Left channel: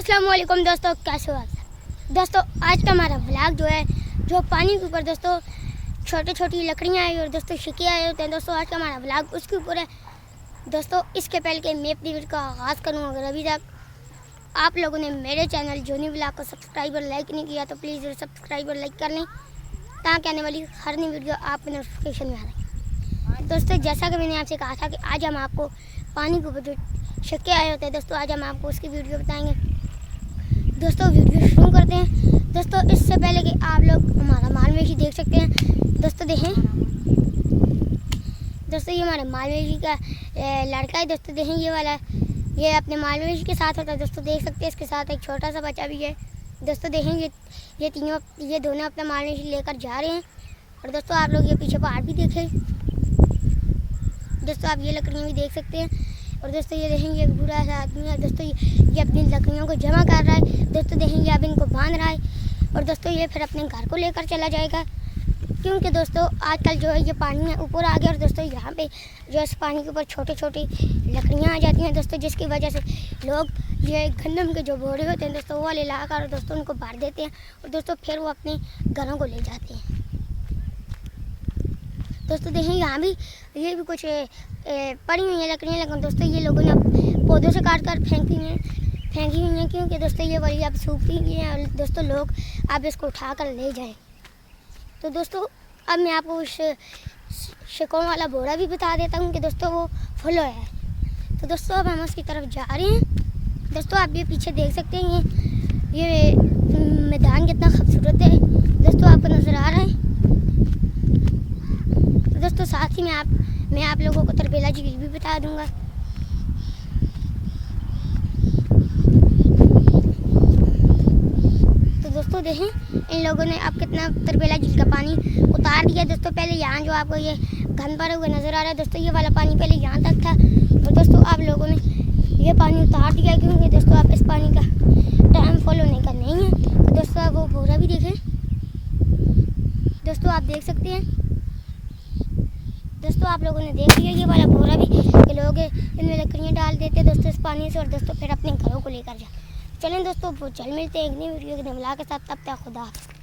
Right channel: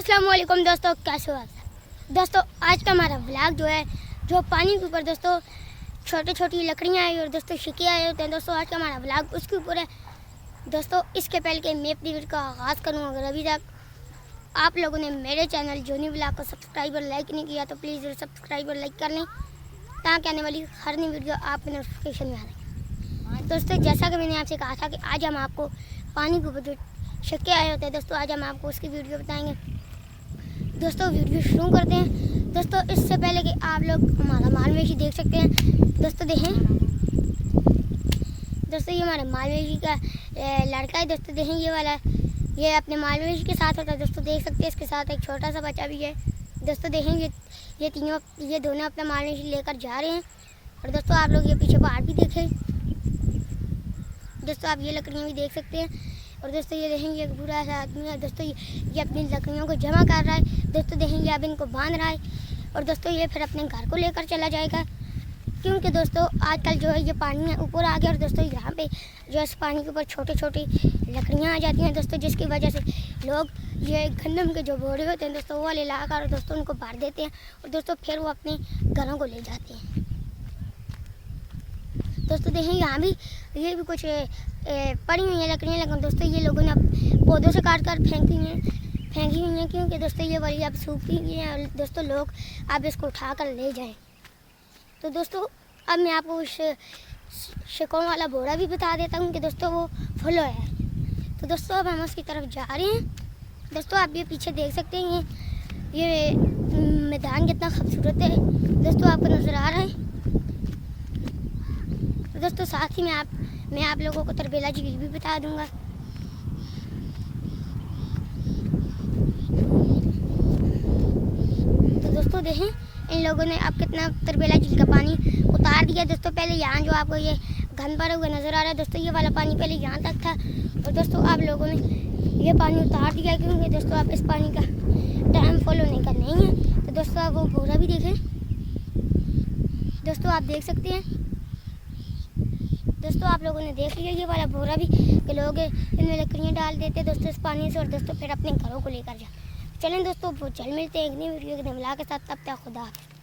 अस्सलाम वालेकुम दोस्तों, कैसे हो आप सब। दोस्तों आज का हमारा व्लॉग जो है जो पानी के ऊपर दोस्तों छोटी छोटी लकड़ियाँ आई और दोस्तों शिके आए होते हैं। दोस्तों आज का हमारा व्लॉग उसके ऊपर है। दोस्तों इसके पहले कि मैं अपनी वीडियो का आगाज़ करूँ, अगर अभी तक आप लोगों ने मेरे चैनल जोनी व्लॉग को सब्सक्राइब और लाइक नहीं किया तो प्लीज़ सब्सक्राइब और लाइक कर लें ताकि आने वाली हर नई वीडियो आपको नोटिफिकेशन में आ रही। दोस्तों जैसा कि मैंने आपसे कहा था कि आज हम आपको पानी के ऊपर जो शिके आए होते हैं दोस्तों आज हम आपको उसकी वीडियो बताएंगे। दोस्तों वीडियो शुरू करते हैं। दोस्तों इससे पहले कि आप लोग हमारा मालवेशी देख सकते हैं। दोस्तों देखें, दोस्तों ये हमारे मालवेशी का लड़का है। दोस्तों देखें ये वाला, ये अपने मालवेशी के साथ होता है। दोस्तों देख सकते हैं इसके साथ एक छोटा सा बच्चा भी है। दोस्तों देखें ये दोनों अपना मालवेशी लेकर जा रहे हैं। और दोस्तों आप लोग ये पीछे पहाड़ भी देखें। दोस्तों आप ये लकड़ियाँ भी देख सकते हैं। और दोस्तों ये देखेंगे एक बूढ़ा सा आदमी है। दोस्तों ये अपनी लकड़ियों को जमा कर रहा है। दोस्तों देखेंगे अब इनको बांध रहा है और दोस्तों ये फिर अपने घर को लेकर चला जाएगा, क्योंकि दोस्तों आजकल जो है ये पानी ऊपर आ गया और दोस्तों यहाँ पे जो है इस पानी के ऊपर छोटी छोटी लकड़ियाँ आ जाती हैं दोस्तों, जिसकी वजह से लोग ये गंदम के जो बोरे होते हैं दोस्तों वो वाले ला कर दोस्तों उनको भर देते हैं और दोस्तों फिर वो अपने घरों को ले जाते हैं। दोस्तों देखें यहाँ भी ये भी कुछ पड़ी हुई हैं लकड़ियाँ, लेकिन दोस्तों ये लोगों ने अब पौधों से काट कर फेंकी हुई हैं क्योंकि दोस्तों ये वाली अब सूखी हुई हैं और दोस्तों लोग अब इसको उठा कर ले जाएं। तो दोस्तों अब मैं आपको उस शिकों वाला बोरा भी बता देता हूँ कि दोस्तों वो फुल होया है। तो दोस्तों अब हम उसकी तरफ जा रहे हैं। दोस्तों आप ये पीछे देख सकते हैं ये मैदान कितना खूबसूरत है दोस्तों, आपको नज़र आ रहा है। तो दोस्तों साथ ही मैं आप लोगों को तरबेला झील भी बता दूंगा। तो दोस्तों देखें इन लोगों ने अब कितना तरबेला झील का पानी उतार दिया। दोस्तों पहले यहाँ जो आपको ये घन भरा हुआ नज़र आ रहा है दोस्तों ये वाला पानी पहले यहाँ तक था और दोस्तों आप लोगों ने ये पानी उतार दिया, क्योंकि दोस्तों आप इस पानी का टाइम फॉलो नहीं का नहीं है। तो दोस्तों आप वो बोरा भी देखें। दोस्तों आप देख सकते हैं, दोस्तों आप लोगों ने देख लिया ये वाला बोरा भी कि लोग इनमें लकड़ियाँ डाल देते दोस्तों इस पानी से और दोस्तों फिर अपने घरों को लेकर जा। चलें दोस्तों चल मिलते हैं एक नई वीडियो के धमला के साथ। तब तक खुदा हाफ़िज़।